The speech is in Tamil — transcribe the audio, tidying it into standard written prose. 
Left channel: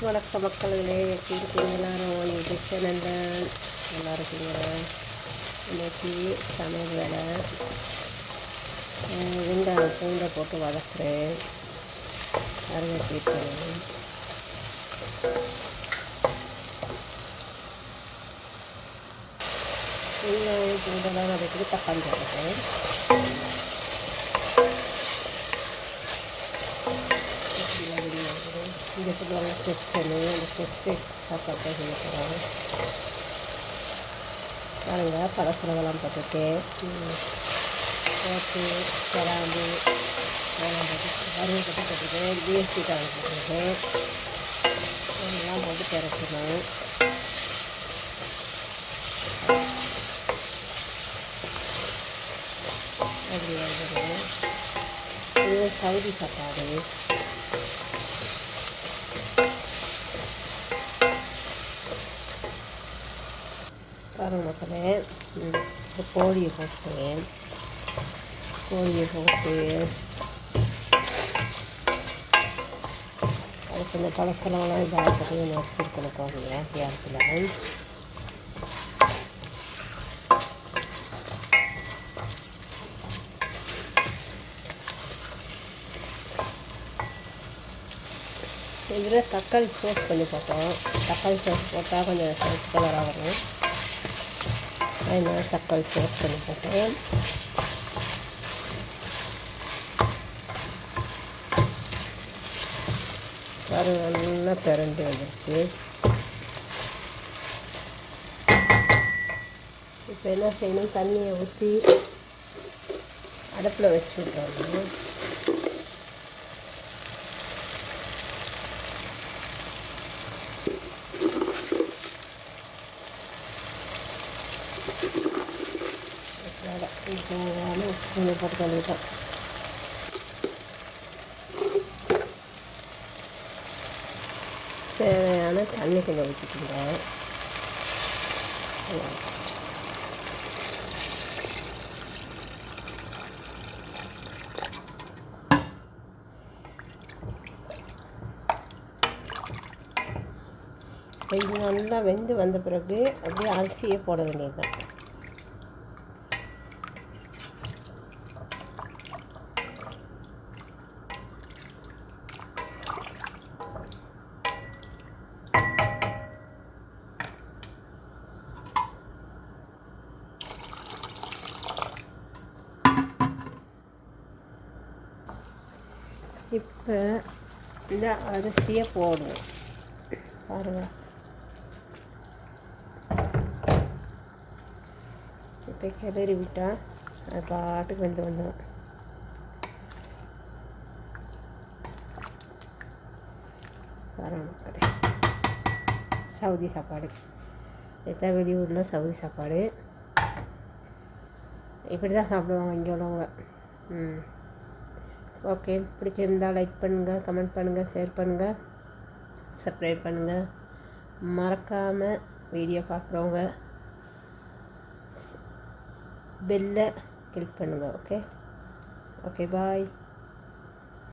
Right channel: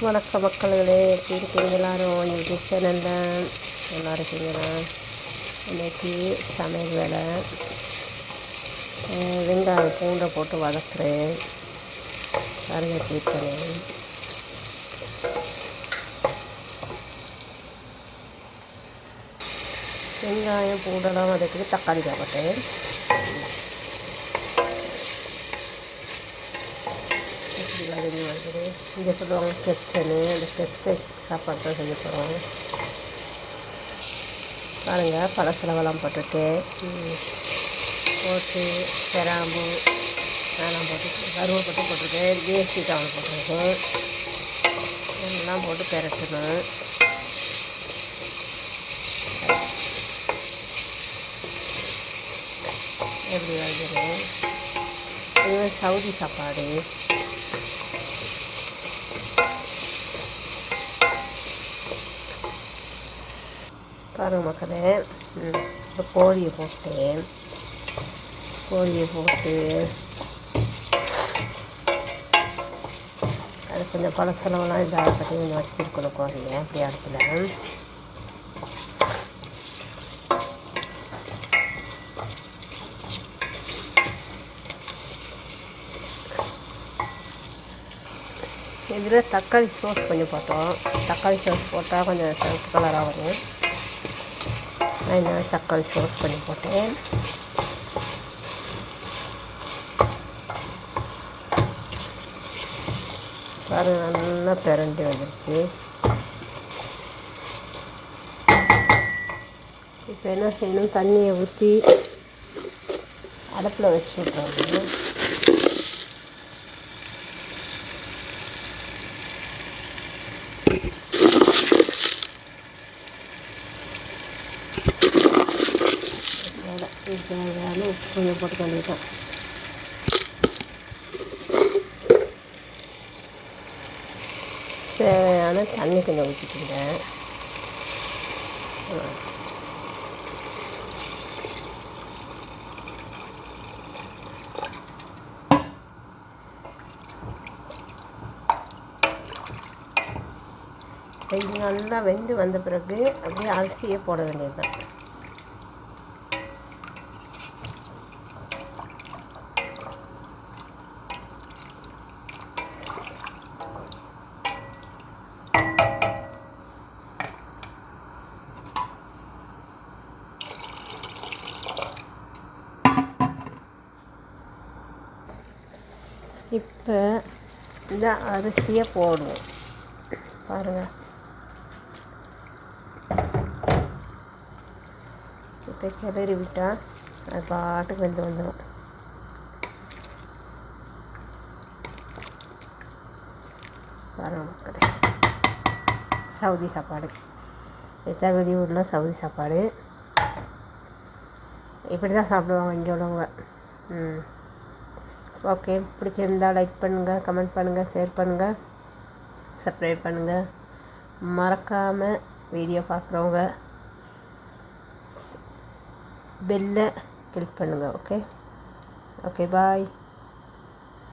வணக்கம் மக்களே, எப்படி இருக்கீங்க எல்லோரும்? யூடியூப் சேனலில் நல்லா இருக்கீங்களா? இன்றைக்கி சமையல் வேலை. வெங்காயம் பூண்டை போட்டு வதக்குறேன். கருவை தீர்க்கணும். வெங்காயம் பூண்டெல்லாம் வதக்கிட்டு தக்காளி போட்டேன். இங்கே சொல்லுவாங்க ஸ்டெப்ஸ்ன்னு, இந்த ஸ்டெப்ஸ் சாப்பாடு தான் செய்ய போகிறோம். பாருங்கள், பழசெலவெல்லாம் போட்டுட்டு கிராம்பு அதெல்லாம் போட்டு கருவேப்பட்டு போட்டிருக்கேன். ஜிஎஸ்டி டவுன் போட்டிருக்கேன். எல்லாம் போட்டு திரட்டணும். எப்படி வருது? இது சவுதி சாப்பாடு. பாருங்கள் மக்களே, இப்போ கோழியை போட்டு அது கொஞ்சம் பழசெலவெல்லாம் இதாக பற்றி கொஞ்சம் வச்சுருக்கணும். கோழியை அப்படி இடத்துல இதில் தக்காளி சோஸ் கொஞ்சம் போட்டோம். தக்காளி சோஸ் போட்டால் கொஞ்சம் சிவப்பு கலராக வரும். அதனால் தக்காளி சோஸ் பண்ணி போட்டேன். பாருங்கள், நல்லா பிரண்டி வந்துடுச்சு. இப்போ என்ன செய்யணும்? தண்ணியை ஊற்றி அடுப்பில் வச்சு விட்றோம். தேவையான உப்பு கொஞ்சம் போட்டு வேண்டியதான். தேவையான தண்ணி கொஞ்சம் ஊற்றிக்கிங்க. இது நல்லா வெந்து வந்த பிறகு அப்படியே அரிசியை போட வேண்டியது தான். இப்போ இந்த அரிசியை போடுவோம். பாருங்கள், இப்போ கிளறி விட்டால் அது பாட்டுக்கு வெந்து வந்துடும். பாருங்கள் மக்களே, சவுதி சாப்பாடு. இதுதான் வெளியூரில் சவுதி சாப்பாடு. இப்படி தான் சாப்பிடுவாங்க இங்கே உள்ளவங்க. ஓகே, பிடிச்சிருந்தால் லைக் பண்ணுங்கள், கமெண்ட் பண்ணுங்கள், ஷேர் பண்ணுங்கள், சப்ஸ்கிரைப் பண்ணுங்கள். மறக்காமல் வீடியோ பார்க்குறவங்க பெல்லை கிளிக் பண்ணுங்கள். ஓகே, பாய்.